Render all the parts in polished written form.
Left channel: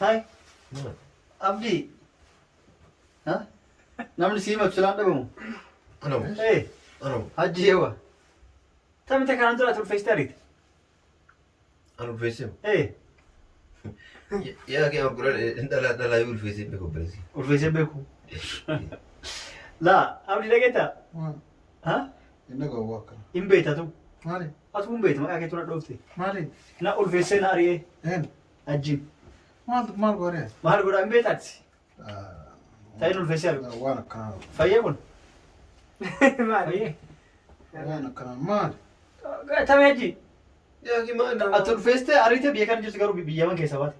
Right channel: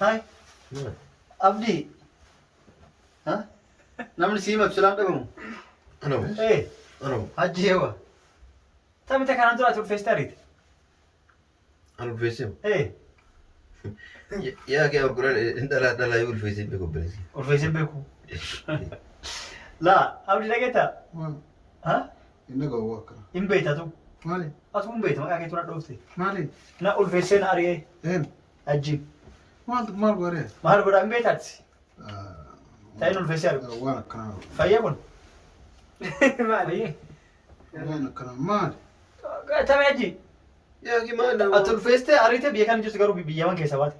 هاي أبدي ها نعمل سيما بسلام دبمو أنا مش إيه أنا هجي هو تام أنت كان عندنا تقول فيس تاريت أنا بفيسم إيه يا أخي أقول أنت لا يقول فيسم بيكو بريسي والفيس بيكو لا أبدي لقيتها ها إنك هو إن بيتها تو مالي أتوم بيت ما أكيد تروح دوفتي مالي نقول فيسين أريه هين أجي ما قريه ما هل قرأ إن بيتاتي تاينو الفيسيال وانا كلام فيبون ما فيه وانا كلام مالي تام أجي يا أخي ما أنا أتول فيستي أريته بيكان جوز كارو بيجيبان كيسا بات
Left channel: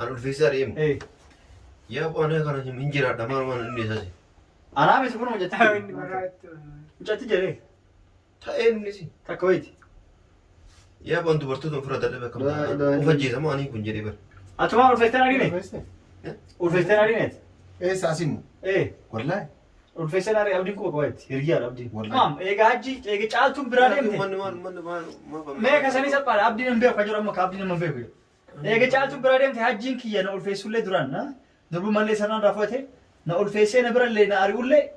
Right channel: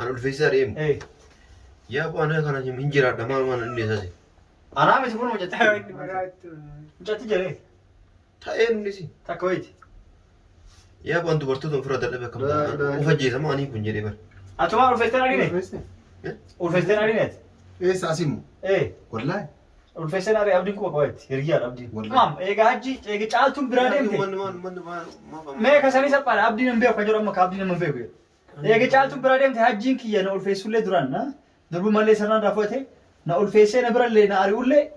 أنا الفيسار إيم إيه يا أبو أنا كنا جم إنجيل هذا ما إني ساسي أنا عم يسكون مجتهد تاوين مرات مجتهد جري تاين نسي تكويت يا أبو أنت برتو فرد الله بكم لا، لا. وفجي سما أني كنجري بر أتوما الفيستي أرينه الفيستي أرينه ايه ساسيمو إيه والله الفيستي أري أبدي كوا كويت يرجع أبدي والله. مام إيه هجي إيه جالتم برادة من إنتي ما ما كساني سبارة أبدي نبيه كجورا ما كابدي نبيه إيه جالتم برادة إنتي هجين كيا نقول فيسول لي دران نا دربو مالي سرنا رافوته نقول فيسي نبرة لي ناري ولا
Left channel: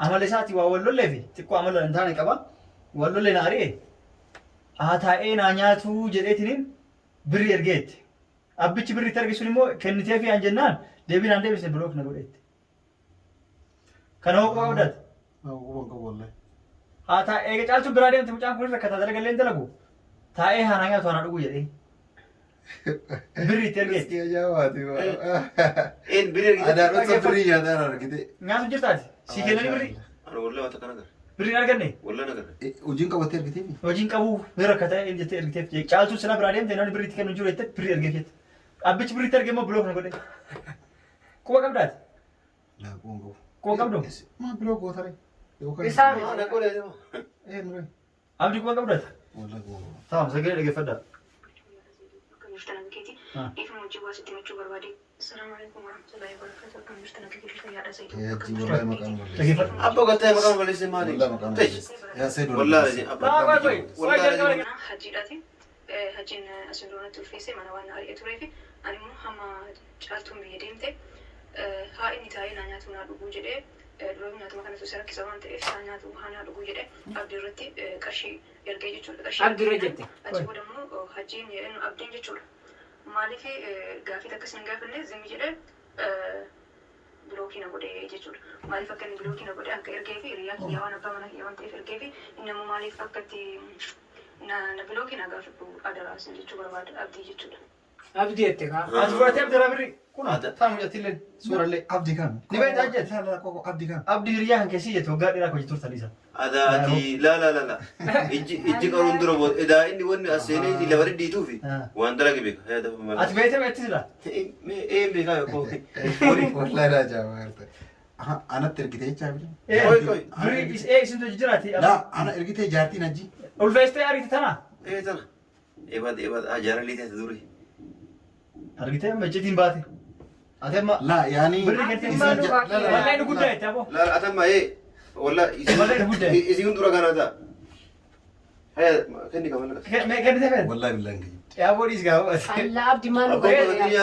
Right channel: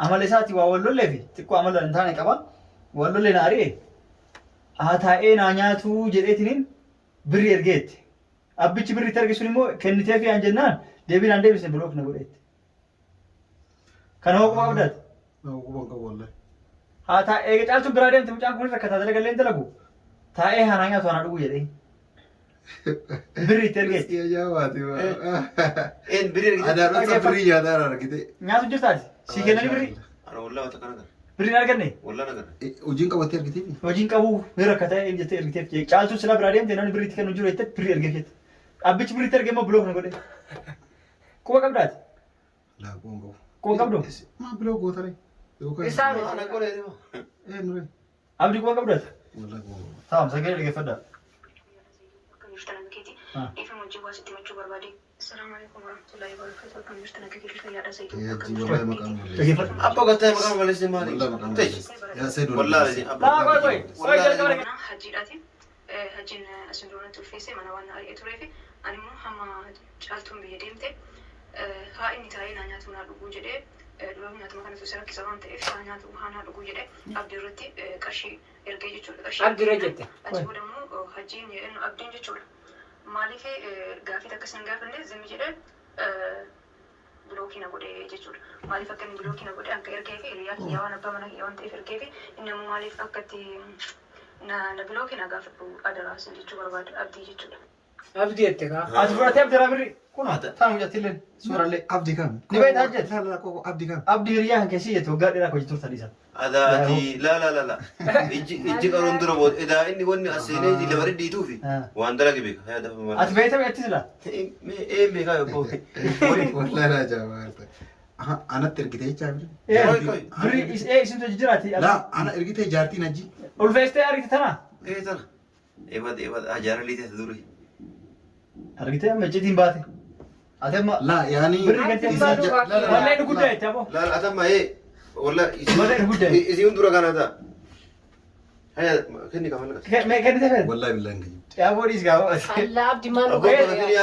عمل ساتي وأولو لي في تكو عمل انتاني كبا وأولو لي ناري هاتاء نانياتو جريتنين بري أرجيت أبيتش بري ترجع سليمو كنتي في أنجنان دبي عندي بس بلوك نقولت كان هو قاعد هو والله هاتاء إيه جالتو برادة إنتي مجان كل ركعت هذا قال لي لقو تاء هنايا أنا أقول يدي بري ترجع يا جواتي إن بري انا رص فري هذا انا كده ناس جت سيكنا بري أنا والله أتكلم بري نرجعني والله نقدر وجينك وتر كده وجين كابو ركعت إن جت إرجع جالتو سلا برادة إنتي نان بري تكنو جوريت بري أرجعت أبيتش بري ترجع ما بلوك نقولت كوا قبضات لا بونغو كوا قبضو ما بلوك وتري إسام أنا أقول إيه ايه نوري أبدي كوا قبضات والله بونغو تمام سجل إيه فدا السلام عليكم ورحمة الله وبركاته. كم مشتنكتي الفيا زيد. يا جي والله مقام ولا أبو قلت لي مكان ولا اسم مالي والله مقام يا سيد والله لازم لا باي أنا حجيراتي هجين أسندونة الفيسي من وانا أي تريفي أنا مو هم جالتهم بيديمتي هاي نتاعي نانياتو نادو جدي لو ناتو مكان تسرق كسبان تيف نانياتو هانا دو جدي أبدي رتي كرشي يرجع يجول كرشي أبدي رجعتي أجيبه دمو هجين إنه أبدي يجول مالك قافي تكسن قافلني زي مجرد بلوكينا قدي يجول مالي فكان بلوكينا قدي أنك إركيفي ريال يوان أبا يوان تيف إركيفي إنما مالي فكتي na بلوكينا قافلكو أدراس يجول بعد أبدي يجول أبدي أتكا أسبوع تيم ترى بري كنا تام جت لين سورة لي عبدي كان نبيت حجت لا لا كوكو عبدي كان أبدي ريان كشيء توقع لنا كوي تور ثالثا هذا أنتي لا إجي قارون دربود إذا إني وني أسيني اللي برد ديتو في وأندرا كبيك هذا ما أتبيتم أتسلا إيه بيك يا أبو والله لا جاوبت أنا تركتي شابري إيه بري إيه اسمه تجراتي لا أنا ركتي جارتي نجي والفيستي أريد تنا إيه تنا إباد أجارة لي تدوري أريد ما جدين باتي أتم لا يعني بري كنت إذا لا، لا لا ولا إنه كده تابو لا أتم إيه والله ولا إنه كده إذا دورا كان هذا هيا كني كمان كان تفهم والله بالله نجي يا بوليس قالوا الله أبدي ما أبو نقول كذا يا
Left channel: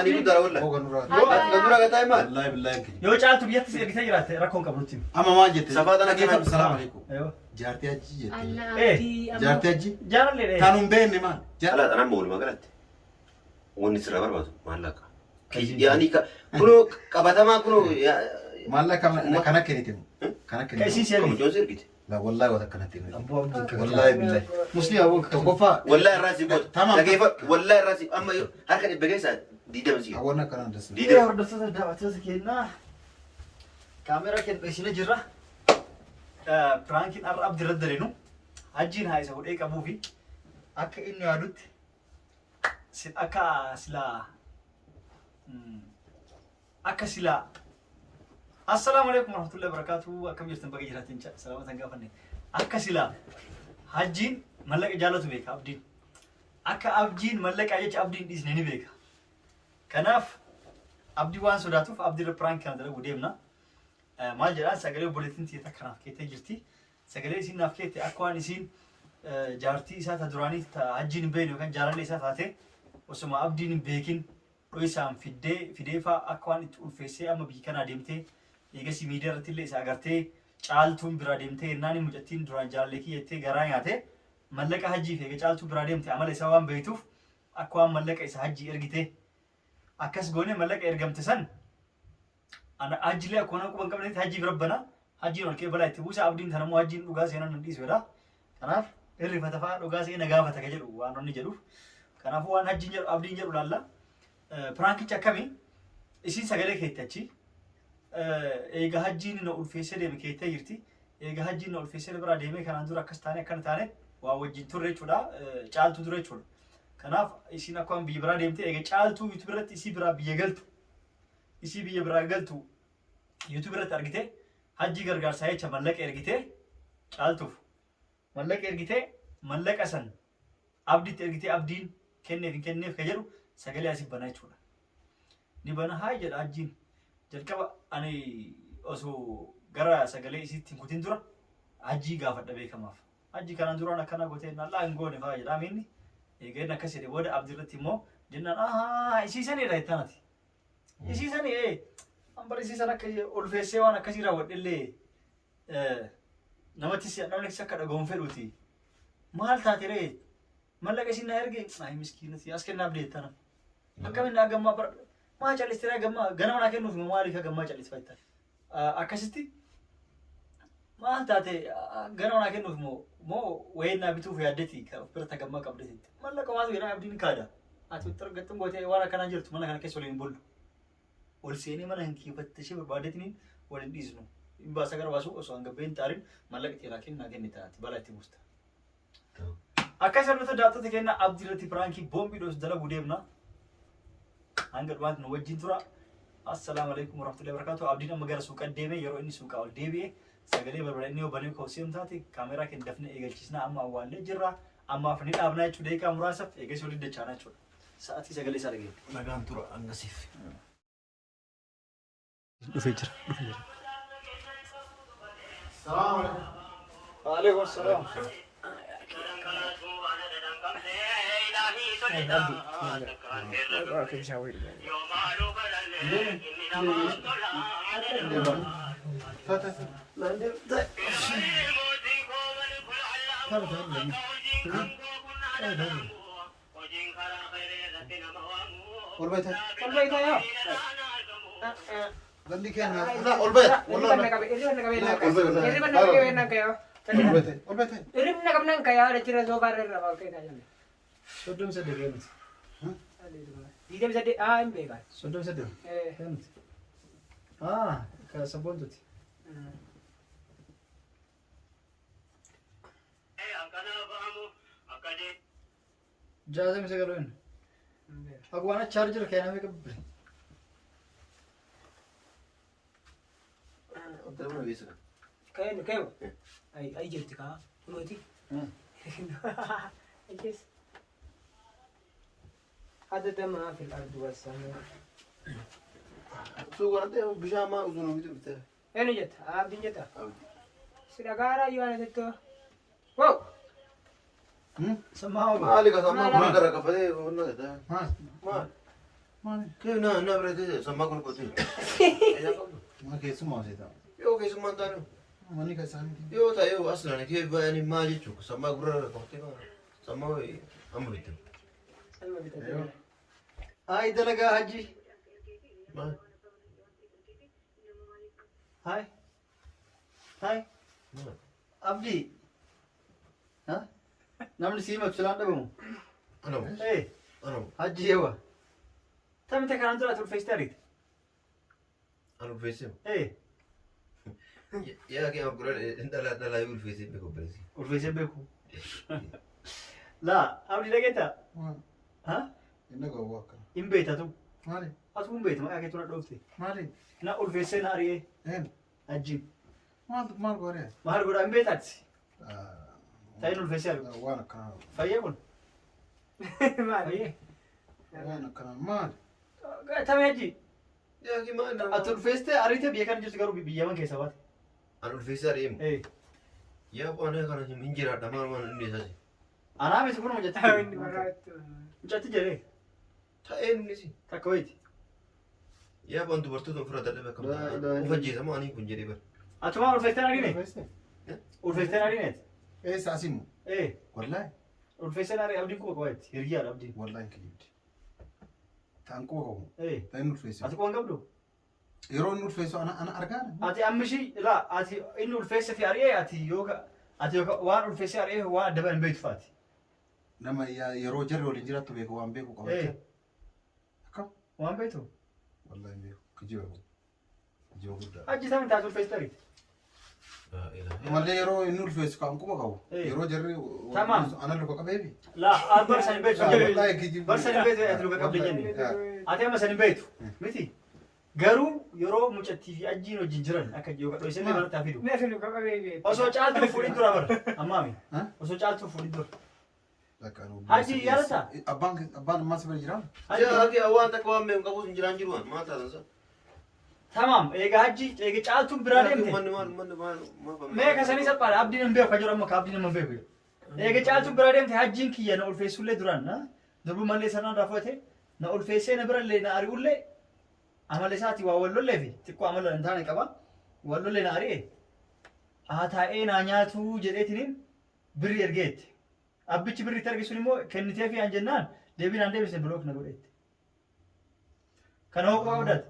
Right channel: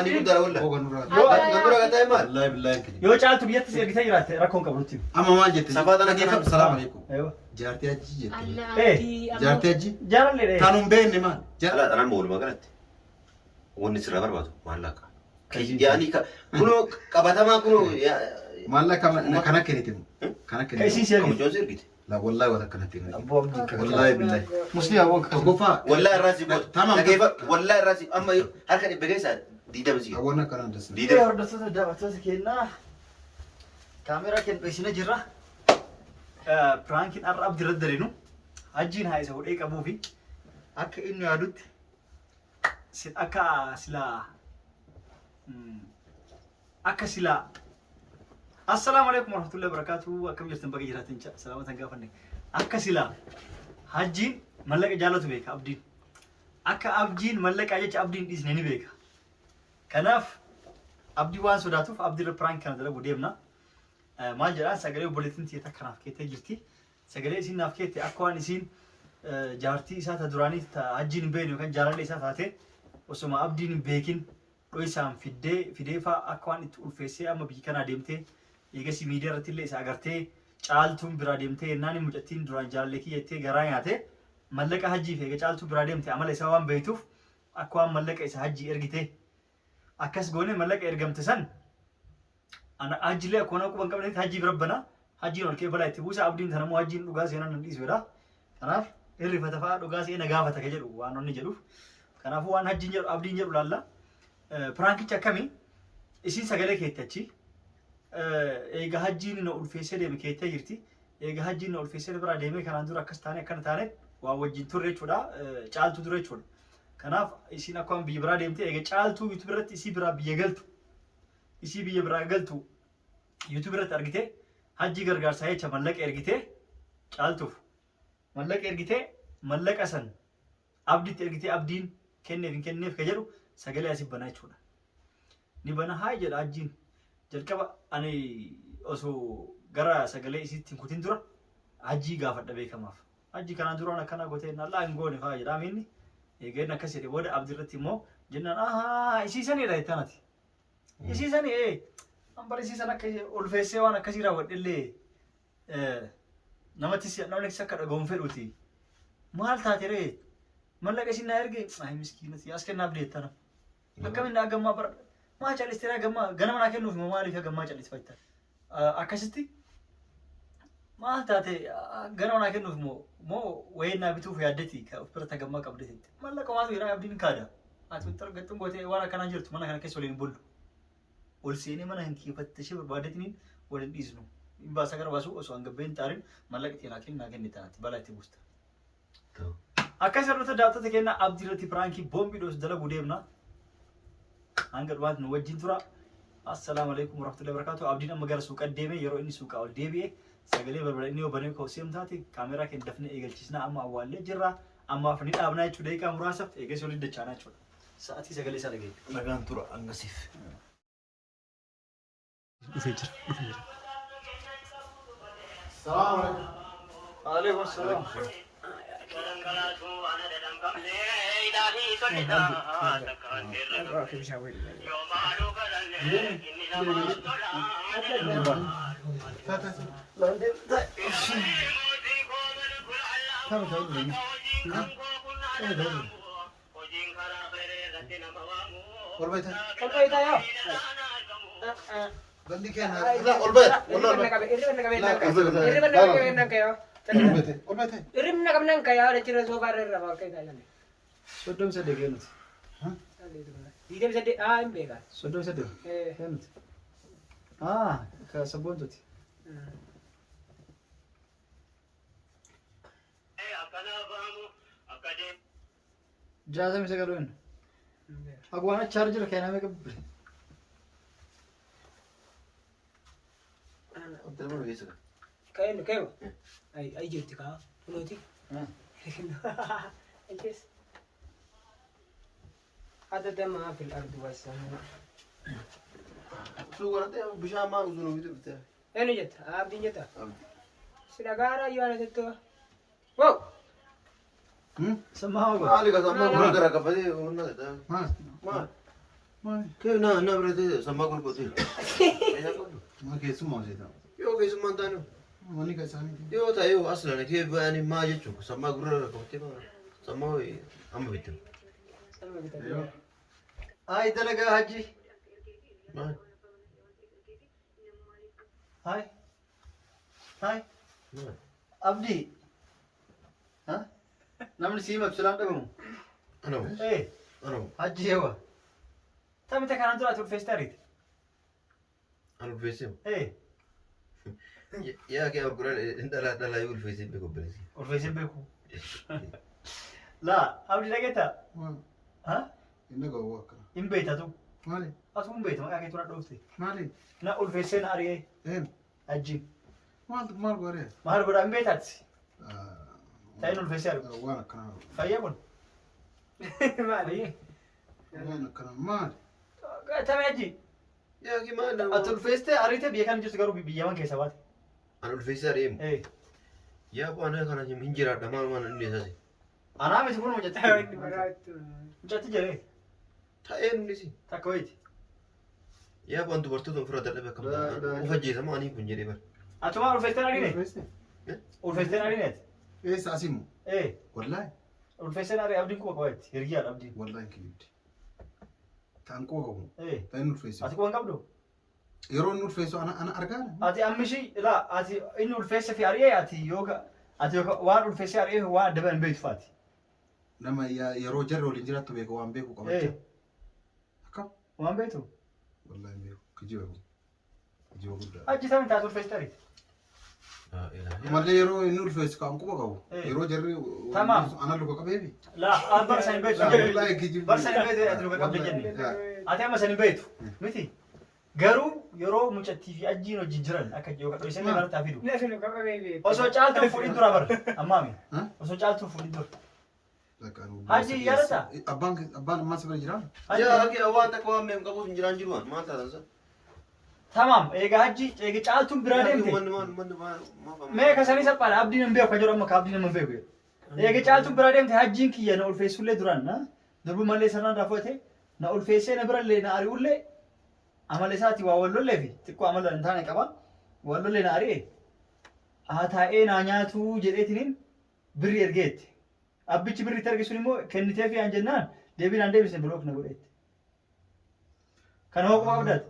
أني بدر ولا هو نورا دورا كتاي مال والله بالله نجي يو تعال تبي يتسير ريتا جرات ركون قبلتي أما ما جت صفات أنا كيف كمان. السلام عليكم أيوه جارتي أجي جت الله إيه. أبدي جارتي أجي جارن لي كانوا بين ما جار لا أنا بقول ما قلت ونسر بربادو ما لك يعني كنو كبتا ما كنو ما لا كنا كنتم كنا كيسين كنتم سيرك كم جون سيركت لا والله وذا كنتم أبو عبد والله بالله مسلم أبوك توقفا والله الراسي بود تمام. كيف والله الراسي أما هركة بجلس دي دمزي أولنا كنا ندرس دي إيه دم ورد صوت الدعوة تمسكينا كاميرا كنت بيسنا جرا برانكين أر أبدي رد لينو أجين هاي سهول إيه كابو في أك إنه يادوت سل أكا سلا أكا سلا السلام عليكم ورحمة الله وبركاته أكم جرتن بقى جراتين سلامة تنقافني أكا سلا هجين ملك جالتو بيك أبدين أكا أبجين ملك أجيش أبدين إذنني بيك كناف أبدي وان سوداتوف أبدي البرانك كان دلوا ديمنا ما جرى سجلي بوليتين تيتا كناف كيتا جرتي سجلي إسين ناف كيتا أكوان إسين جارتي إسات دراني تا أجين بينه كان جارن إسات هاته وسما أبدين بيكين dho'isaan fidee fa'aa akka waan itti ulfeessee amma biyyi kanaa deemtee eegasii miidiyaa irratti illee isa agartee caaltuun biraa deemtee yennaan mucattiin duraan jaalallee kiyyattee garaa nyaatee mallaqa hajjiif eega caaltuu biraa deemte amala isaa waan beektuuf akka waan mallaqa isa hajjii ergitee akkas goone mallaqa ergamte san hajjiilee akka waan quban qabnetti hajjii bira bana hajjiin ol kee balaa itti buusa abdiin tanammoo hajjiin dhugaa seenan nan dhiisudha. Kanaaf hirrifata fa'aa dhugaa seena gaafata ka jedhu waan inni jedhuuf kanaafuu waan hajjiin jedhu abdiin jedhu laalla. Piraankichi akkamii isiin sagalee keettachi eega hajjiin na ulfeessee deeme keettee jirti. Eega hajjiin na ulfeessee biraa deemee kanaan dura akkas taane akkana taane waa wajjin turre jechuudha. Caaltuu ture jechuudha. Kanaaf isiin akkuma biyya biraa deemtee eega caaltuu YouTube irratti isii biraa biyya galtu isii biyya biraa galtu YouTube irratti argitee hajjii gargaarsaa jecha mallaqa ergitee caaltuuf mallaqa ergitee mallaqa san abdiitti ergitee abdiin kenneef hin kenneef ka jedhu sagalee asii banaa jechuudha. Ni bana haa jedha hajjiin jalqaba ani osoo gara sagalee isiitti hin kutin dura hajjii gaafadha beekamaaf. Hajjii kanaan duraan akkana gootee nallaa hin goone fa'aa jedhaa inni eegeen akkas jedhe booda abdii irratti immoo jennaan ahaa isiisanidha jettanati. Isiisanii ambar isiisan akka ulfeessee waan akkasii raawwadhellee namni akka dhagahuun fedhuuti. Maal taate ree mallaqa isin na erge ay miskiinati as kennaaf deettana. Akkamiin naa gammaa bara maa callistee gammaa ganama naa kennuuf maaliif gammaa callisfayta. Akkasitti maal taate ganama naa kennuuf moo wayii naa bituuf yaaddeti ka of birata gammaa qabdeetti. Mallaqa maatu jedhaa abdiin kaada. Ati targattuun gootee waan akkanaa jirtu mana kana keessa waliin bullu. Ol seenee mana hin kiifattashee barbaadeetiniin waliin dhiisnu. Hin baasa gara baasu osoo hangabbeen taariin mallaqa itti naa kenne tanaatti balaa itti buusta. Akkas irratti daawwattoota keenya abdii irratti piraankii boombii dhoos dalaguu deemna. Hanga dhumaatti nu wajjin tura. Assalaamu alaikum warahmatullahi wabarakatuh. Abdiin amma gara suuqaa deemee yeroo inni suuqaa ol deebi'e sagalee balbala inni yoo banee koosee taate kaameraa keenya dafnee eegalchisnaa amma awwaallee jirra. Ammaaf ni dhaabnaa jechuudha deeqaa muraasaaf eegas olii dachaanaa jechuudha. Sa'aatii sagalee isaa dhagee. Nagaan tura angasiif. Dhufee jira. Salaamu alaikum. Waalaikum salaam. Gandi kenna. Olbet. Irimna kabnan kaya ada cira sofa ada pakai kaya. Sodom sedih kan? Dia bisa di bega. Sodom sedih. Kan? Ke sabun tuh. Jasa bisa kaluin. Aku anak charger kayaknya mereka beli. Terima kasih. Kayak. Ay jadi kah? Mulai. Yes. Ada dama fil ardi was sama. Suuqa irratti bishaan maa uzunuu bitu bitee. Ini jetta, abdi jetta. Abdi. Sudah gara you ada itu. Wow. Sama apa? Maali ka sammaa kun gara kafatee humna gata. Maal? Kee na biratee sammaa kun qotii. Maa keessumaa hojjeta. Yoo keessummaan taane. Manni kan isaaniiti. Yoo ta'e aslan kee bayaanii maa jechuun sammaa gurra kafatee sammaa amma bitu. Sama kita. Hai dalaga haji. Maal? Hai. Hai. Maal? Abdi. Hah? Namni si mabsulaan dhabamu. Anamu. Anamu. Haji hewa. Tami ta kanan tura turfees tarit. Anu ulfeessee. Yaa kee gurra dhalaa yoo ulfeessee beeku bereesi. Ulfeesee beeku. Laa abdi dhageetta. Hah? Inni ga'uu akka. Hin beekta tu. Maali? Atu hin beekta maqaa kee tura dhoofte. Maali? Na ulfeessee na ari'ee. Haji. Maal gooree? Maal godhaa hin beektaati. Ta'in ulfeessee argu. Waan akkanaa. Fayyee kun. Mari. Waan akkanaa maali? Tami haji. Yaa kee maal nama. Ati ulfeessee ariitee biyya kana jirtu garuu biyyaman keessa baate. Anu ulfeessee adeemu. Yaa waan kana hin jiraadha maal waan inni isaati. Anaa miti kun mucatti. Mucatti jedhee. Ta'ee nunisi. Takka wayiiti. Yaa waan dubartoota ofirraa dadhabee akkam ufajjeesama ani kun jedhee bara. Atumaa ulfeessitee argine? Ulfeessitee argine? Eessa asimu? Wallahi. Ulfeessitee argine abdiin kuba qabaatti hirgiyaadha abdiin. Wallahi kiyyibdi. Ta'an kuba qabu. Ta'in ulfeessu. Ati kuban qabdu? Yeroo inni ulfeessu ana argaa. Ati ammishi ilaa ati inni ulfeesse fi ari'ee ati waan ulfeessee ari'ee waan adda ba'an beektu faati. Nama yeroo jarri waliin jiraattu beeku waan beeku qabacha. Akkam? Waan beektu? Wallahi hin beeku. Kijiba guddaa. Achi samii taatu ulfeessitee ari'e. Malee yeroo inni ulfeessu kan quba qabu. Yeroo jarri ana luka qabeebi. Laa barsa hin beektu. Barsa hin beektu ati luka qabde jenne. Ati amma san hin beektu. Miti. Garuu yeroo mucattii fi ajjiin wajjin jiran akka yoo kadhoo isin mana taa fidu. Osoo caaltuu fuudhin dura bara. Ammaami. Osoo caaltuu fuudhin dura. Haji yaadata? Abbaan ammaa sibira jiraa? Yaa haqi waan takka waan beeku qabuus hin jiraan jiru maal taatan Tamam, eega haji eega caaltuun biraa deemte. Mee kasanii salphaadha abdiin hin beeku jedhu amma ka abdiin hin beeku. Eega caaltuun biraa deemte hajiin kiyya na ulfeessullee duraan na durbu mallee sanaan raafate na ulfeessee na birallee na ari'ullee amala isaati waa wallollee fi xiqqoo amala hin taane qaba. Wallollee na ari'e. Taa'ee naa nyaatu jedheetiniin birri ergeetti. Abbichi birri itti argisuun immoo kennitee fi aan jennaan deebiin aan deebisne bilook na godheetti. Kana hoo quba qabdaati.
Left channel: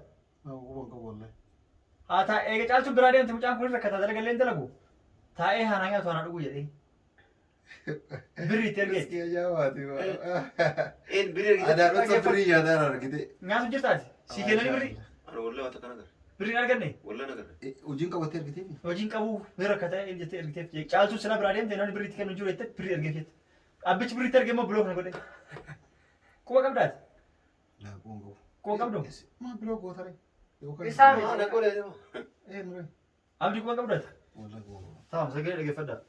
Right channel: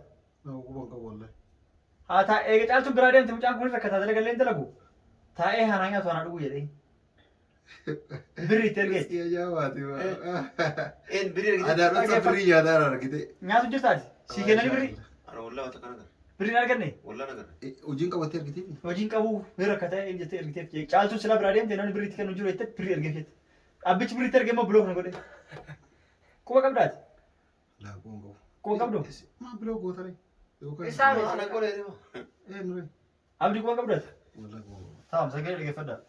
Eega caaltuun biraa deemte mucaan kun rakkataa dalagallee hin dalagu. Taa'ee haanaa nyaatu haanaa dhuguu jedhee. Birri itti ergeetti. Adaarota birrii nyaadaan argite. Nyaatu jirtaati. Sii kennanii birri. Ana wallaa wata kana gara. Birri hin arganne. Wallaa na gara. Hojiin qabattee argitee? Hojiin qabu rakkataa hin jettee ergiteef. Caaltuun sila biraa deemte namni birri itti kennu jiru jettee birri ergeeffatte. Abbichi birri itti ergee immoo bilook na godhe. Quba qabdaati. Quba qabdu. Maa bilook gootare? Isaan ana qolee deema. Nure. Abdii quba qabdaati. Wallahi quba qabu. Taam sagalee dhaggeeffadhaa.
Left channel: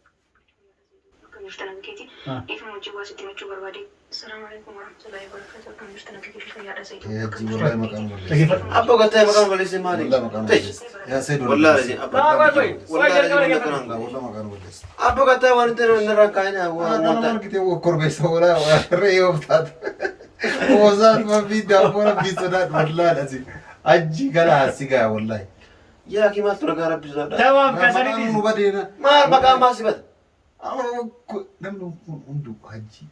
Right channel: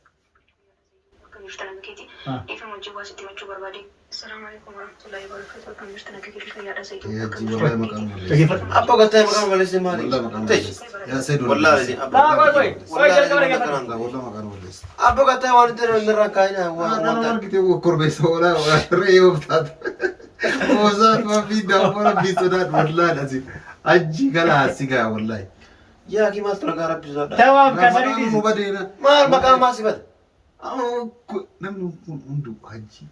Kan jirtan keeti. Ifan wajjin waa sitti machuu barbaade. Assalaamu alaykum warahmatullahi wabarakatuh. Kan jirtan keeti fayyaadha Sayyiduu. Yaji wallahi maqaan waliin. Abbo gattaa maqaan waliin maali? Wallahi maqaan waliin. Yaa Sayyiduu. Wallahi wallahi maqaan waliin. Abbo gattaa waan itti nirraa kaayina waan nama argite korbeessa wala re'ee oftaatu. Ozaat mafi daafura bisodaat wallahi asi. Aji kana asigaa wallahi. Yaa ki maal tolagaa rabbisoodha. Tawaam kasanii nu badeena. Maal maqaan maasifata? Namni kun hundu haji.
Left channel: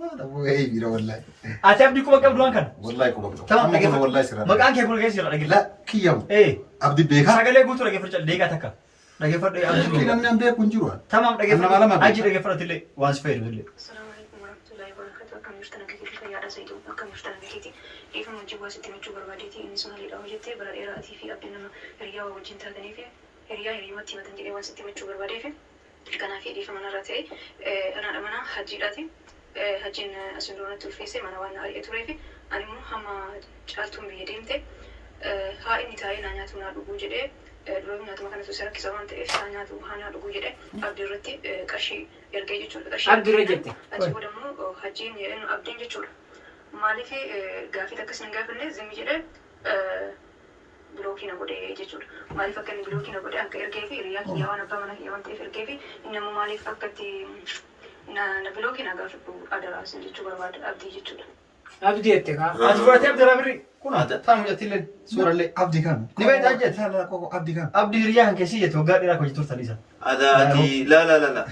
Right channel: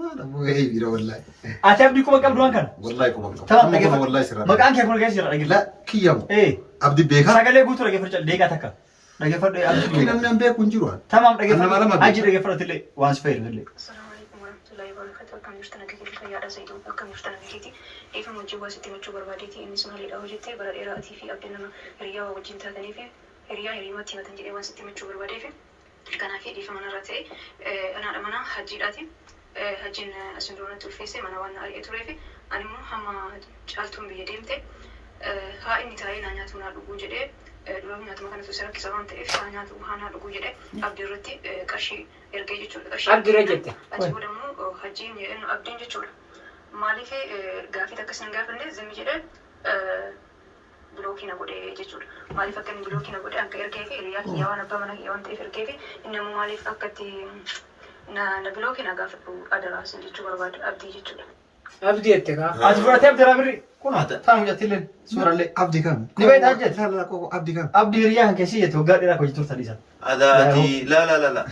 Maala bu'ee bira wallahi. Ati abdii quba qabdu waan kana? Wallahi quba qabu. Tawaam dhaggeeffadhu. Wallahi sirra. Maqaan kee kun keessa jira dhaggeeffadhu. La kiyyamu. Abdii beekaa. Sagalee guutuu dhaggeeffadhu deegaa takka. Dhaggeeffadhu abdii. Namni an beeku hin jiru. Tamam dhaggeeffadhu. Haji dhaggeeffadhu illee waan si fayyadu illee. Assalaamu alaykum warahmatullahi wabarakatuh. Kan jirtan keeti fayyaadha Sayyiduu. Kan jirtan keeti. Ifan wajjin waa sitti machuu barbaadeeti innis maaliidha hojjettee bara dheeraatii fi abdiin nama hiriyaa waa wajjin taatanii fi hiriyaatti himatan jedhee waan sitti machuu barbaadeef kanaaf dhiifama manarraa ta'e anaadha mana hajjiidhaati. Hajjiin asiin duratti ulfeessee mana waan ari'ee turee fi ani immoo hamma caaltuun biyya deemte haa inni taa'ee naa nyaatu naa dhuguu jedhee dura nyaatuma kana tuusa rakkisa waan ta'eef haa nyaatu haa naa dhuguu jedhee abdii irratti qarshii ergee jechuudha. Abdii jette. Achi booda immoo hajjiin abdiin jechuudha. Maaliif gaafii akkasii hin gaafanne zimmi jedhee bilookii na godhe jechuudha. Maaliif akka inni bilookii na godhe akka ergee fi hiriyaa kiyyaa waan abbaa mana kiyyaa waan ta'eef ergee fi inni immoo maaliif akka itti na bilookii na gaafadhu adaraas jechuu barbaade abdii jechuudha. Abdii jette kaa. Ati fudhatee abdii birri kun taa'u hojjettillee suurallee. Abdii kam? Ni beektaa hojjete? Abdii kam? Abdii hiriyaa kan keessi jette waggaa dheeraa hojjetu turtaniisa. Adaati la.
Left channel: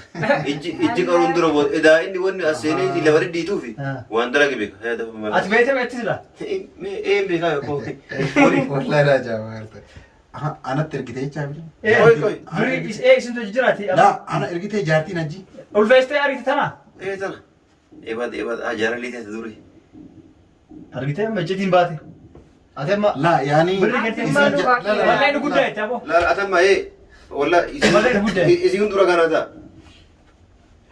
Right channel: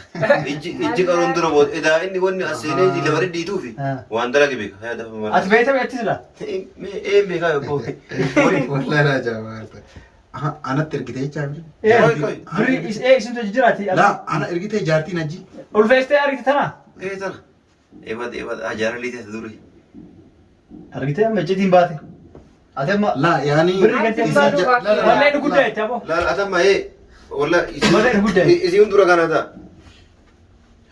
Ijji qaruun dura bood edaa inni wanni aseenee lafa dhidhiituu fi waan dalage beeka. Ati beektaa beekti sila? Een beekaa yookaan. Wallahi raajaa. Anatti ergitee jechaa biri. Birri isintu jiraati. La ana ergitee jaartiin ajji. Ulfeessitee argite tana? Tana. Eebad ajaara liitee duri. Argitee majjitiin baate. Ati amma. La yaani. Birri galtee wallee inni guddaa jecha moo? La atamma والله يزيون دورا كانت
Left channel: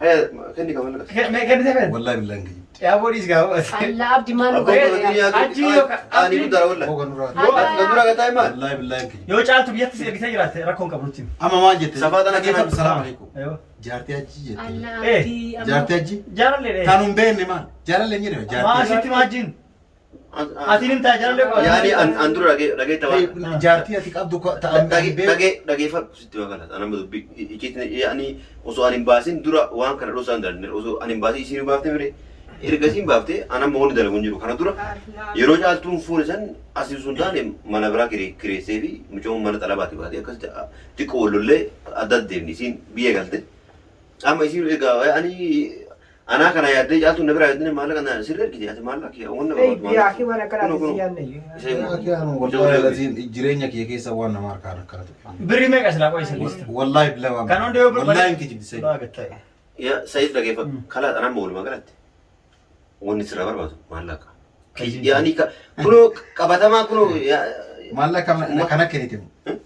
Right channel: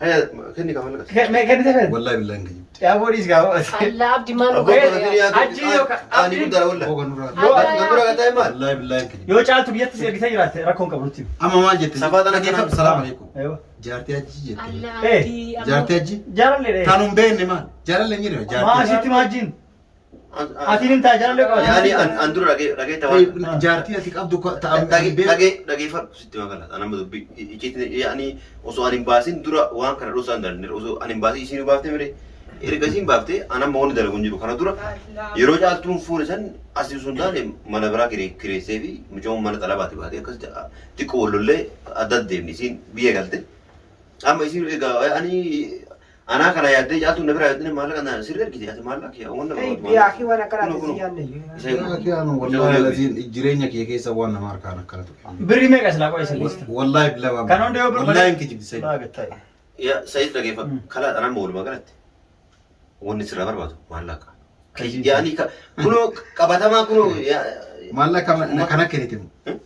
هيا كني كمان كني تفهم والله بالله انك يا بوليس قال الله عبدي مالو أجي ولا ولا والله بالله انك يو جالت بيت سير بيت جرات ركون قبلتي اما ما جيت سفادنا كيف السلام عليكم ايوه جارتي اجي جيت الله جارتي اجي جار لي كانوا بين ما جار لي ني جارتي ما شفت ما جين أتيني تاجر لك يعني أندرو رجع توا جارتي أتيك أبدو رجع فرق ستة مكانات أنا بدو يعني وسو أنيم باسين درا وان كنا روسان در وسو أنيم باسي يسينو بافته مري ergasiin baaftee ana moonni dalaguun jiru kana dura yeroo caaltuun fuune san asii sun taane mana biraa kireessee fi mucoon mana xalabaati baatee akkasitti xiqqoo wallollee adda deemni isiin biyya galte amma isiin egaa ani anaa kana yaaddee caaltuun na biraa yaaddee maallaqa na sirrii ergite ati maallaqa wanna barbaadu Yaakii waan akkanaati si yaadne. Yaakii anu wallahi laziin jireenya kee keessa waan nama harkaan akkanatu. Birrii meeqa silaa qo'isa gosti? Wallahi bilaa waan. Kan hundee yoo wallahi hin kijibdisee. Ya Said dhageeffa kalaa xanaan ba'uul magaalatti wanni sirraa barbaadu maallaqa. Yaani kunoo qabatamaa kunoo maallaqa kana kennite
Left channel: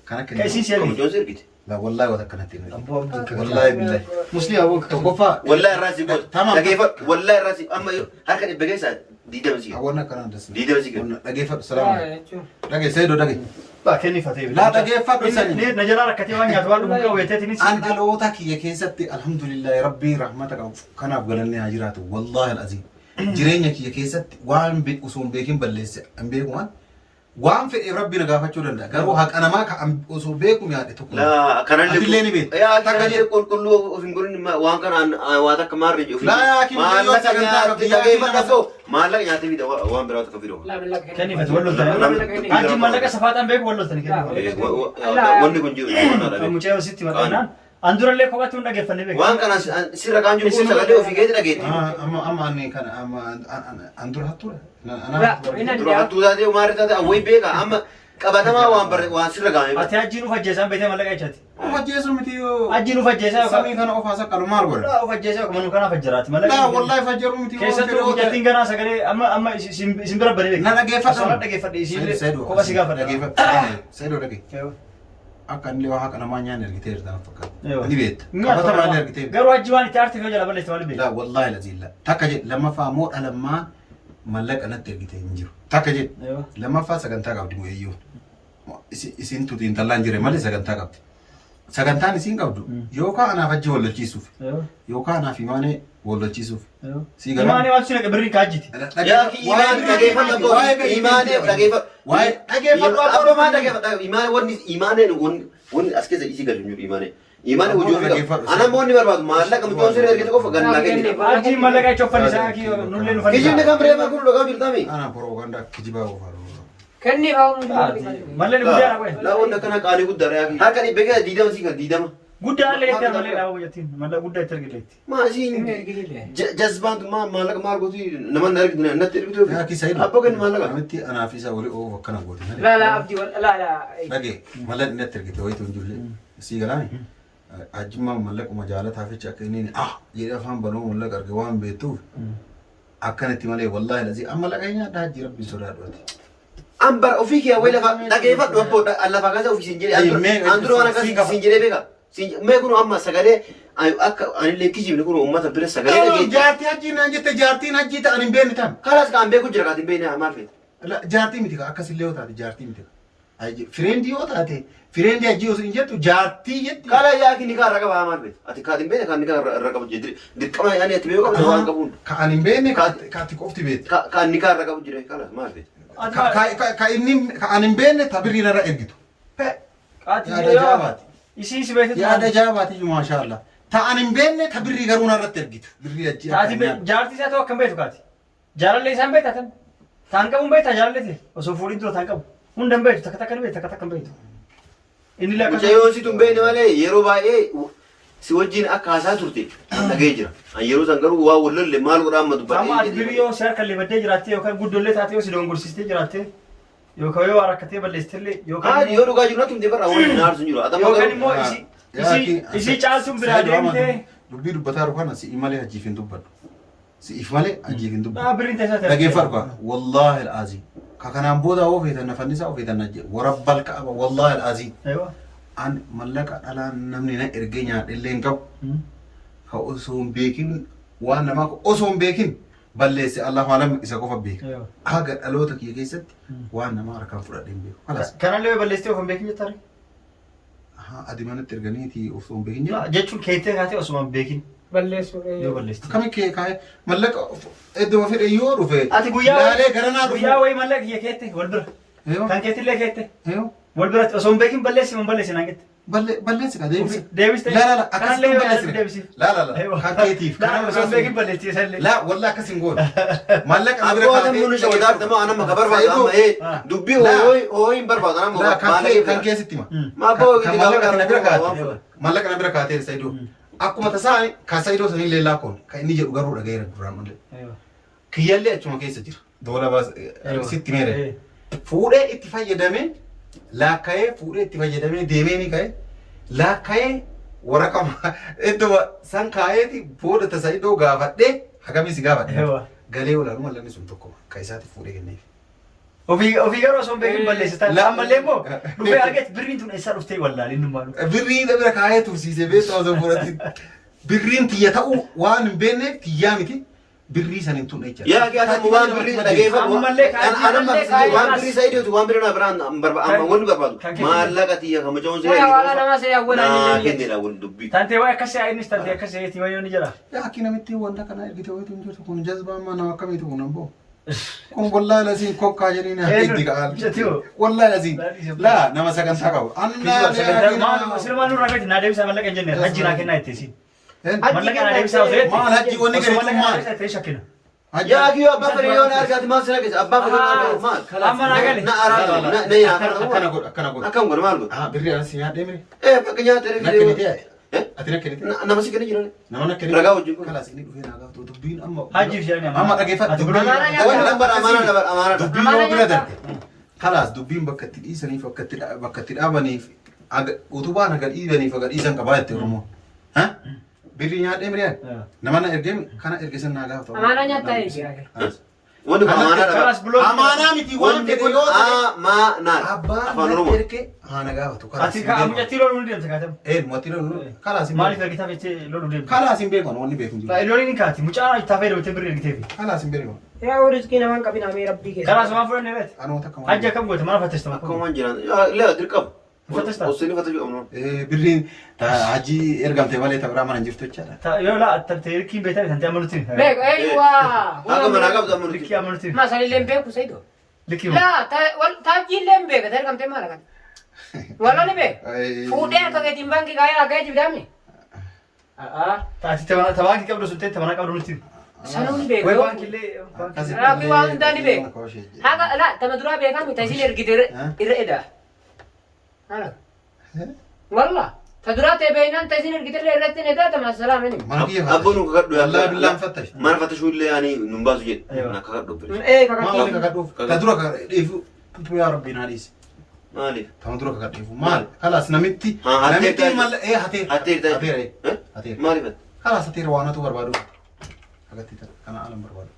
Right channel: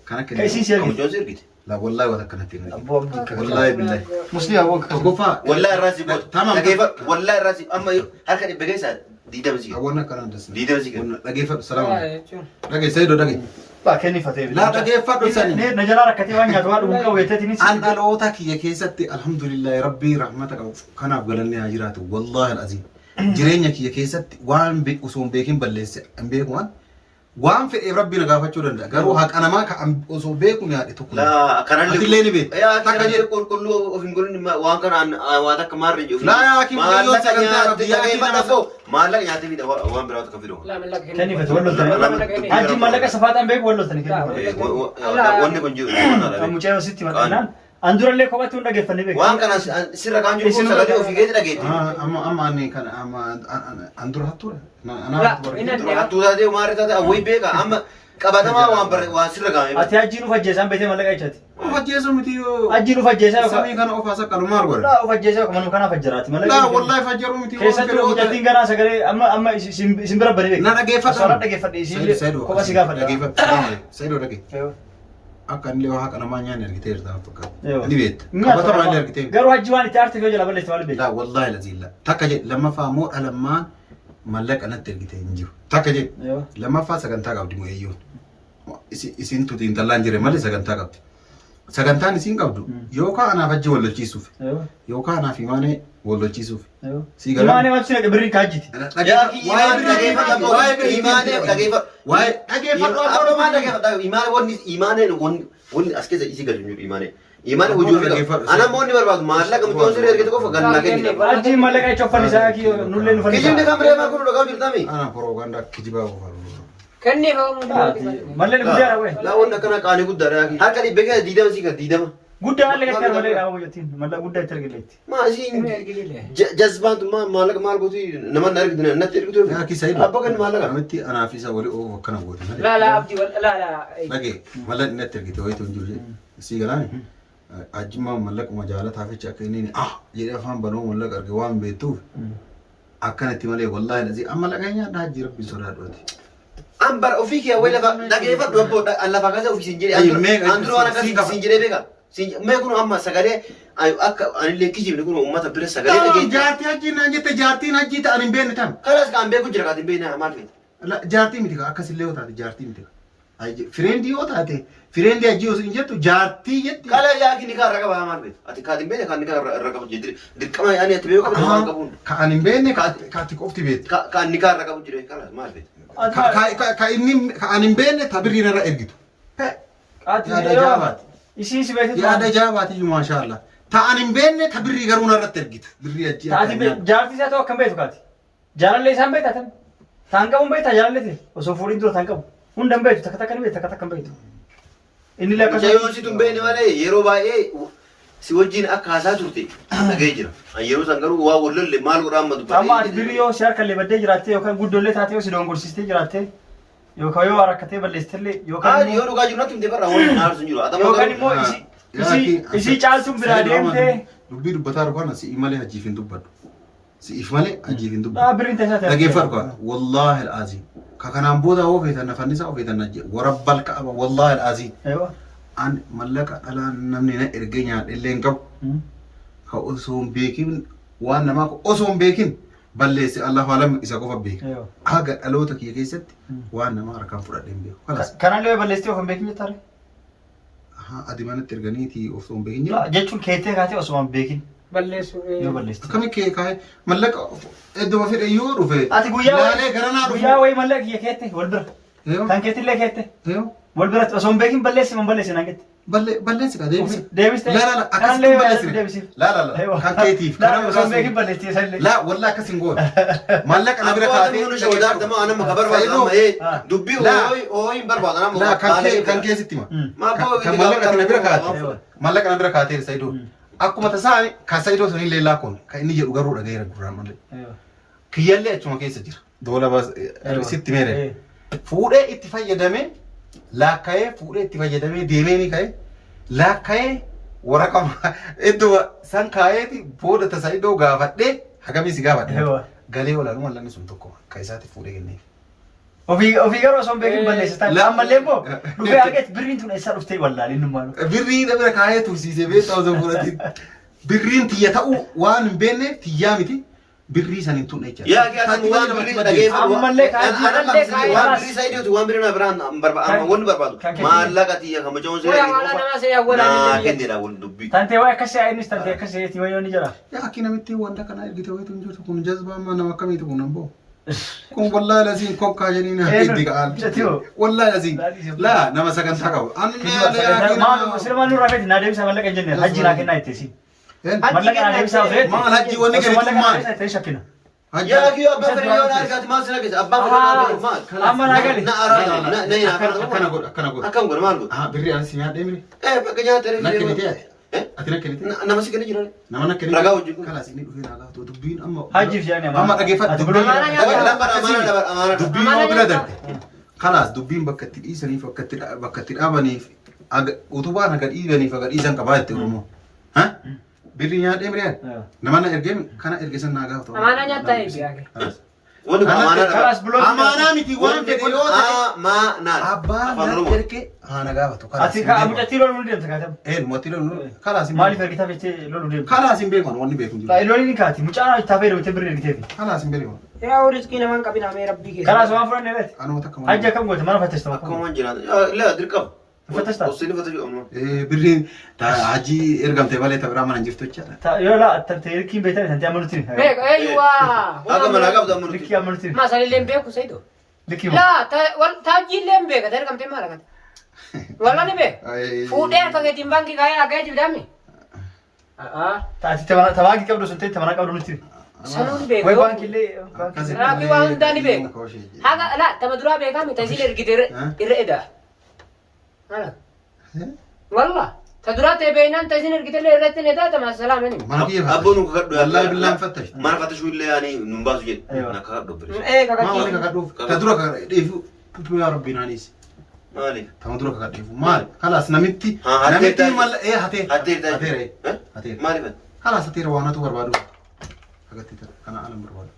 kana kennite. Kaisiin seergi. Mucoon sirgite. La wallahi wata kanatti himne. Abboo abdii. Wallahi billahi. Musliima aboo. Tokkoffaa. Wallahi irraa si godha. Tamam. Dhageeffa wallahi irraa si amma harka dhibba keessaa diidama si. Awwan akkanaan dasna. Diidama si kenna. Dhageeffadhu salaamu. Dhagee Saidoo dhagee. Baa kennifatee. Laa dhageeffadhu sani. Na jalaa rakkatee waan nyaatu waan dhuguun qabu yeteetinis. An dhaloota kiyya keessatti alhamdulillahi rabbii rahmata qabu kanaaf galanni haa jiraatu wallahi alazim. Jireenya kiyya keessatti waan osoo hin beekin balleesse hin beekumaan waan fedheef rabbi na gaafachuu danda'a garuu haqa namaa ka osoo beeku yaade tokko laa kanallee atillee ni beekta yaa takka jedhe qulqulluu of hin godhin waan kanaan waan akka maarri jiru laa yaa kiin yoo sagantaa qabdi yaa kiin dhageeffadhu maallaqa nyaatee fi waan biraa akka fidoo Kennifate walloltanii. Hajji mallaqa safaataan beeku walloltanii kennifate. wanni kun jiru Mucaa sitti maxxanaan. Andurallee kophatti hunda geeffannee beeku. waan kana sirra kaan jiru kun sagalee ofii keessa dhageetti amma ani kana amma andura hattuudha dura hattuu taatee maarri taatee awwii beeka amma qabatamaa waan sirra gaamee Ati hajji nu fajjeesaan beekee mallaqa jechaati. ufajjeesu miti yoo Hajji nu fajjeesaa yookaan. samii kana ofaas akkalu maal godhe Laa ufajjeesaa yookaan manuu kana fajjiraati. laa wallahi fajjeeru miti Keessattuu mucattiin ganaa sagalee amma isin bira bari beeku. na dhageeffadhu Asirra dhageeffadhe isin kopha si gaafadhe. dhageeffadhu Saidoo dhagee akka inni waa haqa namaa nyaanni argitee jirta fakkaata ni beekta qabatamaa illee argitee Garuu hajji waan itti aartee jala balleessi maal beeku. لا والله العظيم لا تكجي لما فامو لما ملك انا ترجيتي نجيو تكجي لما فا سكنتا قبدي مو ييو اسين تو دين دلان جيري مالي سكنتا قبدي سكنتا نسين قبدو يوكا انا فجي ولا تشيسوف يوكا انا في ماني ولا تشيسوف سي غلا ماني واتش بري كاجيتي yaa imaanee dhageeffadhu واي dhageeffadhu akkuma maa dhageeffadhu imaanee wanni as keessa isii gadi jiru imaanee hojii ofii qabu ana moonni barbaadu maallaqa mucoon sirra ergite qofa gannaa kenni hajji mallaqa ichoffan isaa nullee nu fannisa. kijibni kan bireemaa kun dhagaa jirtami انا بروباغندا كجيبا وفالو Kenni roon. Mallee guddaadha qoye. laa wanni akkana qaanii guddaadha harka dhibbe keessa diidama sii kan diidama Guddaan allee gattee mallee dhaabuu hojjettiin. Mallee guddaa itti argilleetti. maasii jazbaantu maal maal gooti naman argitu natti ergitu يا كي سيد abbo kan maallaqa امتي انا في سوالي او كنا بوتي Laa laa abdii laa laa. dhagee malla inni atti argite wayitu hin jiru sii galaani ajjimmaa mallaqa majaalata ficha akka inni jedhee afaan banuu mallaqa arge waan beektuuf akkanatti malee wallaahi lazii amma laqa nyaadha hajji rabbiin sodaadhuati. ambar ofii kee wayii lafa dhageeffadhu abbo lafa kaasa ofii siin jedhee andura waan akkasii siin jedhee beeka mee kun amma sagalee akka anillee kijibni kun uummata bira sagalee dhageeffadhu jaartii hajjii naan jette jaartiin hajjii ta'an hin beekne tam kalaas kan beeku jira kaatiin beekna maal feeti jaartii miti akkasillee yoo taate jaartii miti fireendi yoo taate fireendi hajjii osoo hin jettu jaartii jetti kala yaaki nikaa irra qaba maal feeti ati kaatiin beekne kan nikaa irra qabu jedhiri dirqama ani ati beeku qabdu waan qabuun ka an hin beekne ka ati qofti beekti kan nikaa irra qabu jira kalaas maal feeti ka inni ka an hin beekne ta birriin irra ergitu yaada jaabaati Isii si beektu. yaada jaabaati iyyuu maashaallah ta an hin beekne ta birrii garuu narratti ergitu birrii hajjii Taati jaartii isaa ta'u akkam beektu kaati. Jaalallee isaan beektan. Taan qabuun beektaa jaalallee osoo fuudhiin dura taan qabu. Hunda hin beektu takka takka ni beektu takka takka hin beektu. Inni lakka. Mucayyoo si tun beekne malee yeroo baay'ee si wajjin akka haasaa turte dhagee jira. Yeroo san garuu waa wallolle maal godhaan matu Amma ati birii yoo si harka illee baddee jiraattee yookaan guddollee taatee yoo si dongorsiistee jiraattee yookaan yoo rakkatee balleessitellee yookaan yoo dhugaa jiru natti himte barra wanni na aarsu jiru. yookaan immoo isii caaltuun biraa deemtee. dubbii dubbataa dhukaan si'i malee hajjiif hin dubbadhu si'if malee hajjiif hin dubbadhu Biriin tasaa ta'e. dhageeffadhu kaa wallaahi al'aazii ka kanaan booda oo feetan nafannisaa oo feetan najje warabbal ka'aba wallaahi al'aazii an mallaqa dhalaan namni na ergee nyaadhellee hin qabu ka osoo hin beekin waan namaa osoo hin beekin balleesse Allah faalam isa qofa beeka haga dhaloota kiyya keessatti waan namaa harkaan fudhadhee hin beeku kalas Kanallee balleessitee of hin beekin jettare. adi manatti erganiiti osoo hin beekin jedhu Jechuun keettee kaatee osoo hin beekin Balleessu. yoo balleessite. akkami kee kaa'e mallaqa idduma fedhe yoo dhufe Ati guyyaa laalee garanaa dhufu guyyaa wayii mallaqa kiyya keette wal bira. Eeyo Kan keettillee keette eeyo wal biratti osoo hin beekin balleessi mun balleessi naan jette. balleessi ka deebisi. Deebiste. La akkasitti balleessine. La kan keetiif. Kana osoo beekin balleessi isallee. La wallaa akkas hin goone. Maallaqa na bira kaatee. Abboota mul'isa wadaarta moo anama ka barbaadu amma dubbii hooyi hin barbaadu anama. La kan keessitti ma. Kan maallaqa na bira kaatee. Maallaqa na bira kaatee Saidoo. Akkuma tasaa kan Saidoo sanii leellaa koon kan inni jedhu garuu dhagayeera duraan malee. Kiyyallee achuma keessa jira. Doola baas sitti meere. Fuudhee itti fayyadamee laakka'ee fuudhee itti fayyadamee deemee ni ka'e laakka'ee waraqaa iddoo san kaa'eeti booda tasaa iddoo gaafadhee hagamis gaafadhe galee olaanuu mallanni sun tokko kan isaatti fuudhee kenneef. Ofii garuu osoo hin beekin balleessitan ammallee immoo dhufee argeet birriin tun eessaa dhuftee wallaalee nummaa birrii bira kaa'ee tursiisee beektaa osoo fudhatiin birriin tiyya ta'uu waan hin beekneef tiyyaa miti. birrii sanin tun echa yaa gaafatu waan birrii dhageeffatu waan birrii Saidootu waan birrii na biraan barbaadu wanni barbaadu maallaqa tiyya kan mucaa'uun siree naa kennedha wal dubbii tantee waa akkasii ayinis tantee akkasii eetti mayyoon ni jira yaa akki namitti wanta kana ergite wayitu hin jirtu kun jazbaa amma nama akkamiitu kun amboo kun wallahi lasiin kokkaa jedhanii na heddi ka'an wallahi lasiin laa nama sagantaa qabu silmaan nurraa feeti naa deebisa mallaqa hin jenne hajji naa kennaa itteesi mallaqa naa deebisa osoo jetti maal hajji wanni gadi maal shakkina yaa kiyoo abbaa fedhe yoo na argaati maal sira keessa abbaa fedhe maal amma naa gale na araatu na yaafatu akkana godha akkam godha maal godha birrii asi nyaadhee mire bakka nyaatee nakkenite ati nakkenite nama si kenni jiran nama nakkenite ragaa hojii kun kalaas inni dhufee naa gaafatu dubbiin amma hajjiif jedhani amma dhageeffatu dubbiin yoo bira darbe kalaas dubbiin bakka itti dhiisaniif bakka itti dhaabaniif utubaan aga dhiibaniif aga dhiisan qabaa jettee Oromoo birrii nyaadhee miriyaan nama na ergee kana ergesan naa gaafatu amaanaa nyaattaa eegaa wani amaanaa amaanaa miti waan fedhe yoo ta'e amaanaa abbaan na erge haana gaafatu ati ka amucatti loluu ni deemta kaatam matti loluu kalaas hin maaliif ergitaa fechee loluu deemta kalaas hin beekan wanni beeku jiru loluu ni kaati mucaan itti hafee deemtee birrii ergiteefi kalaas hin beekan yaa walitti namaan qabina mee rabbii keessa kalaas waan fudhanne beet anoota akkam hajji akkam goote mana fattashta akkam waan jiran lee dirqama fattashta osini fattashuu amnoo birriin hajji ergamtee malee ta'uraa mana hin jirtu jechaadha yoo laa tante hirkiin beektan tante amalutti beek eeyyaa akka manaa qabdu amnoo hirkii amalutti maa sanillee hin beeku Saidoo hirkii laa taajjiillee hin beeka ergamtee maal akkati wala ni beek fuudhee harka keetiin baankii kaayee akka ejjibdaamni taati tabaankii qabdu sun ta'e tabanaa qabdu nutti sanuun beeku way baankillee Raakuu waan hundaa ni beeku haga laa tama duraa beekaa miti isin ergite irra edaa walla ta duraa ta'e beeynaan ta isin ergitellee irratti ni edaa tama salaamani mana kiyya abboon nu kakadhu wallahi billaan fattash mana fattashuu illee ani nun baasu jedhe na kakadhu bire maa wali kakadhuuf ta dura kakadheefu yaa rabbi naadhiis maaliif tama dura kakadheefu maali kalaas namitti malla hateere maaliif kalaas hateere waanatu barbaadu hagatti tana kana alam barbaadu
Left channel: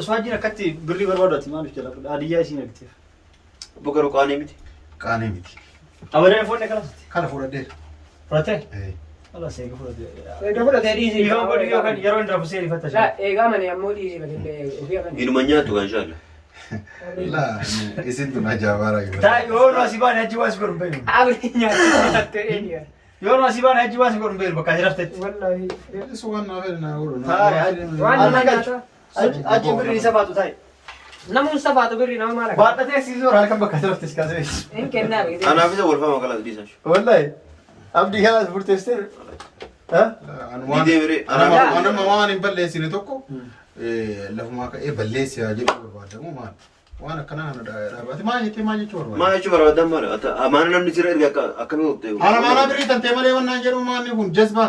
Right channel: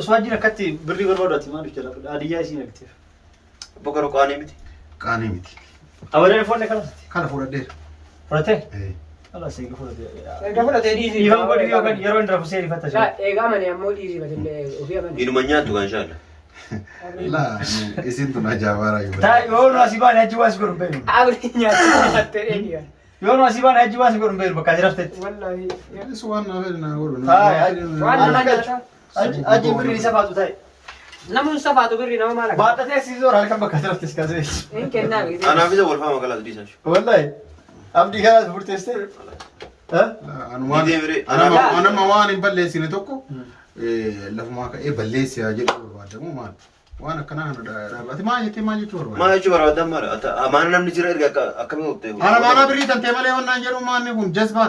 osoo hajjiin akkatti birrii barbaadu ati maaliif jala adiyyaa isiin ergiteef bokaru qaanii miti qaanii miti abadan foonne kalas kala fudhadheera fudhatee kalas eegi fudhatee eega fudhatee dhiisii dhiifama godhi yookaan yeroo hin rafusee rifatta eegaa mane ammoo dhiisii batillee ofii amane inuma nyaattu kan shaalla laa isin tun ajaabaara taa yoo nu asii baane hajji waan si godhu hin beeknu abri nyaatee eegaa yoo nu asii baane hajji waan si godhu hin beeknu bakka ati raftetti wallahi isu waan naa fedhe naa godhu waan nama nyaata hajjiin birrii safaatu taa'e namuun safaatu birrii nama maal akka baadhatee asii zoora halkan bakka ati raftes kaasee hin kennaa beekte anaaf isa walfama kalaas dhiisan wallahi abdii kanaas murteessitee anama waan hin balleessine tokko lafumaa ka'ee balleessaa jedhu barbaadamu maal waan akkanaa kana dhaabate maal jechuu barbaada maa jechuu barbaadan mara amaana namni sira erga akkamii hubtee amaanaa birrii tantee malee wannaan jedhu maanni kun jazbaa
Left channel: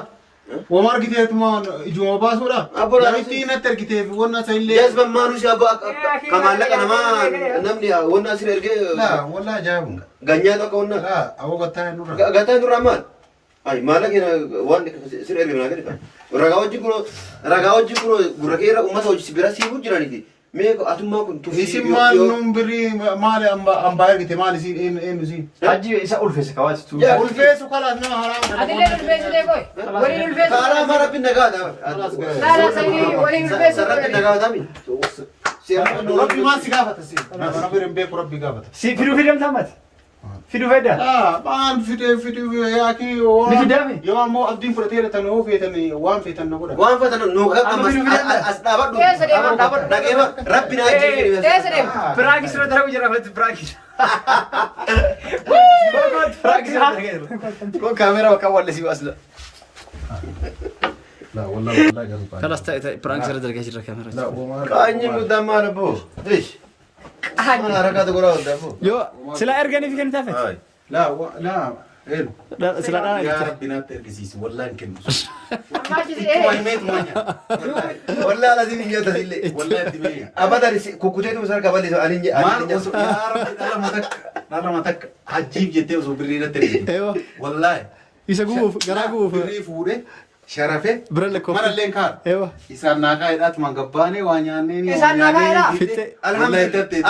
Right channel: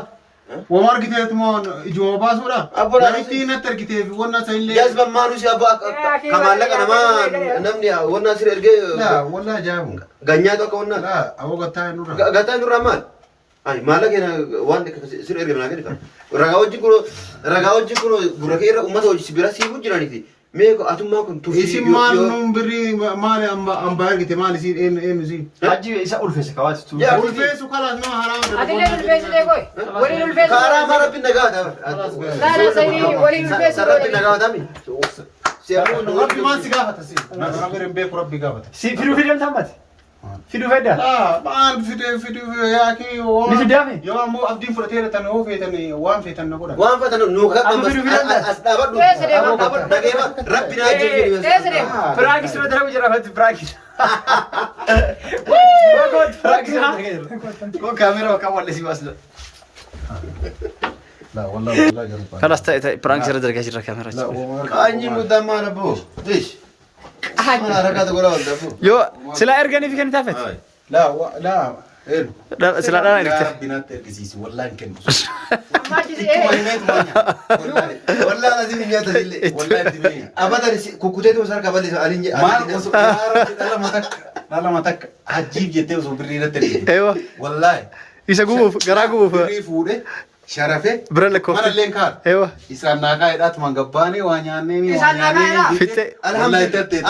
wama argiteetuma ijuma baasuudha namitti natti ergiteef wanna isa illee jazbaan maanuu si abba ka maallaqa namaa namni wanna sira ergee wallaa ajaa'ibu ganyaa tokko wanna awwa gattaa nurra gattaa nurra maal ay maallaqa waan sira ergee naa kenni ragaa hojii kun gurra kee irra uummata hojii bira siifuu jiraniiti meeqa atummaan kun turtii isin maal nun birrii maali ambaa ergite maal isiin eenyu isiin hajji isa ulfeesse kawaatitu ulfeessu kalaas nama haraama atillee ulfeessitee boy waliin ulfeessu karaa marabbi nagaa ta'a laala sanii waliin ulfeessu sarabbi nagaa ta'a rabbi maan si gaafata si rabbi hin beeku rabbi gaafata si fiduu fidamta ammati Fidu fedda. Maan fide yaaki Ni fidaami. yoo ammoo abdiin fudhatee tan oo feetan waan feetan na godha. Waan fatan nu ka as dhaabadhu. Dhageema rabbi naa jee. Piraagis irra darabu jira fatti piraagis. Kun kaameraa bakka wallisi baasla. La wallahi garupa. Kalas ta'e piraagis irra dargaa jira kaameraa. Kaanyi muddaa maal abbo. Dish. Mana harakaatu godha wanta abbo. Yoo sila erganiif kenni taafet. La en. Sila dhala Ya ergite. rabbinaatti ergisiisi wallahi hin kennu. Ittuma himeetu manya. Wallahi lazim nyaata sillee. Wallahi dimee. Abadan kukkuteetu musar kaballi ani Maal osoo dhala matak hajjiif jettee osoo birrii irratti ergite. Eewa. Wallahi. Isa gubuuf garaa gubuuf. Birrii fuudhee sharafee Bira lakkoofte. mana illee kaan. Eewa. Isaan naakaa hidhaatu man gabbaanee waa nyaannee ni waa Isaan naakaa nyaannee. Fitte.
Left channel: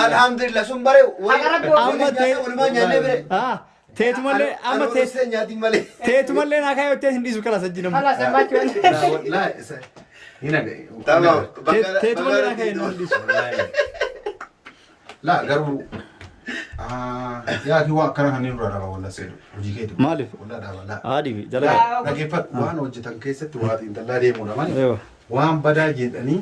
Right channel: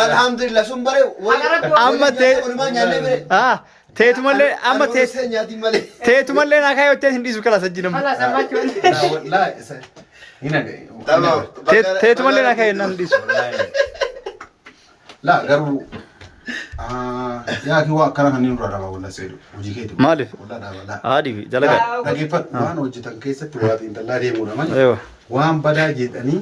alhamdulillah sun bare Amma ta'e. walumaa nyaannee bire. Teetumallee amma nyaatiin malee. teetumallee naa kaayottee hin dhiisu kala sajjinamu. Kalas ammachuun. Wallahi isa. Ina ga'e. Teetumallee naa kaayyo hin dhiisu. La garuu yaa ki waa kana kan inni dura dhaba walla seedu hojii keetu. Maaliif? Walla dhaba la. Haadhi dalagaa. Dhageeffatu waan hojjetan keessatti waa xiinxallaa deemuudha malee. Eewa. Waan badaa jedhanii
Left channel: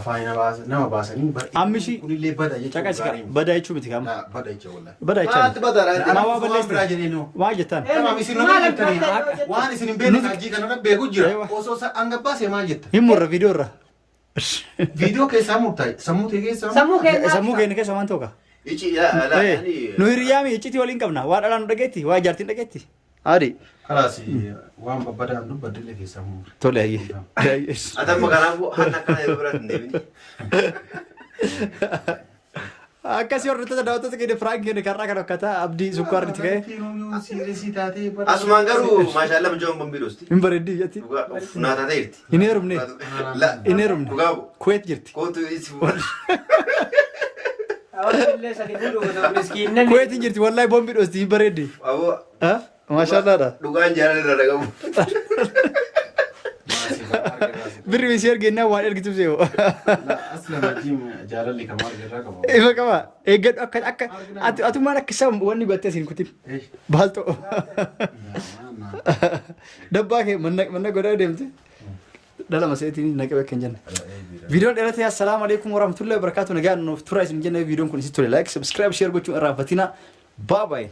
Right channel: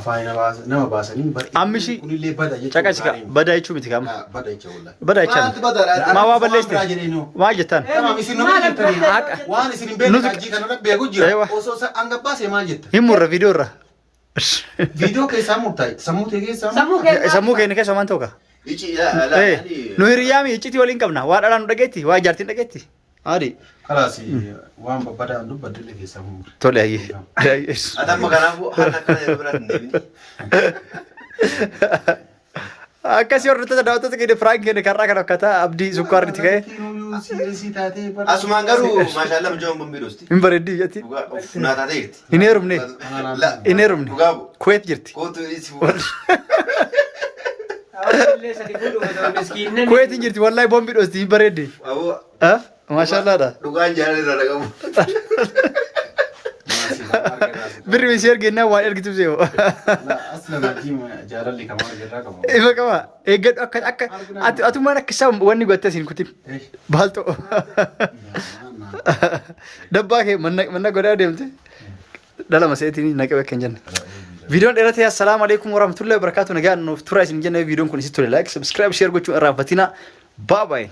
afaan nama baasanii. Ammishi kunillee bada jechuudha. caqasika badaa jechuu miti kama. Bada jechuudha wallahi. Badaa jechaan. Maa waa balleessite. Maa jettaan. Tamam isin nu beektanii waan isin hin beekne hojii kana beeku jira. Osoo hanga baasee maal jetta? Himurra viidiyoo irra. Viidiyoo keessaa murtaa'e sammuu ta'e keessaa. Sammuu keenya keessa waan ta'u kaa. Nu hiriyaami iccitii waliin qabna. Waa dhalaan nu dhageetti. Waa jaartiin dhageetti. Haadhi. Kalaas waan babbadaan dubbadde illee keessaa murre. Tole ayyee. Atamma kanaafuu haala akkana yeroo biraa hin deemini. Akkasii hordoftoota daawwattoota keenya Firaank keenya karraa kan fakkaata abdii sukkaarritti ka'e. Asumaan garuu maashaallah mijoon bombiidhosti. Hin bareeddii jetti. Naa taatee jirti. Hin heerumne. Hin heerumne. Dhugaabu. Kuweet jirti. Kootu isi Kuweet hin jirti wallahi bombiidhosti hin bareeddi. Awwa. Maashaallaadha. Dhugaan jaalala irraa dhagabu. Birri misi ergennaa waan ergituuf see'u. Asna majii jaalalli kamaa jirraa qabu. Ifa qaba. Eeggadhu akka atumaan akka isaa wanni godhattee siin kutin. Baaltoo. Dabbaa kee manna godhaa deemte. Dhala maseetiin naqee bakka hin jenne. Viidiyoon dheeratee assalaamu alaikum warahmatullahi wabarakatuh nagaan nuuf tura isin jenne viidiyoon kun isin tole like subscribe share gochuun irraanfatina. Bye bye.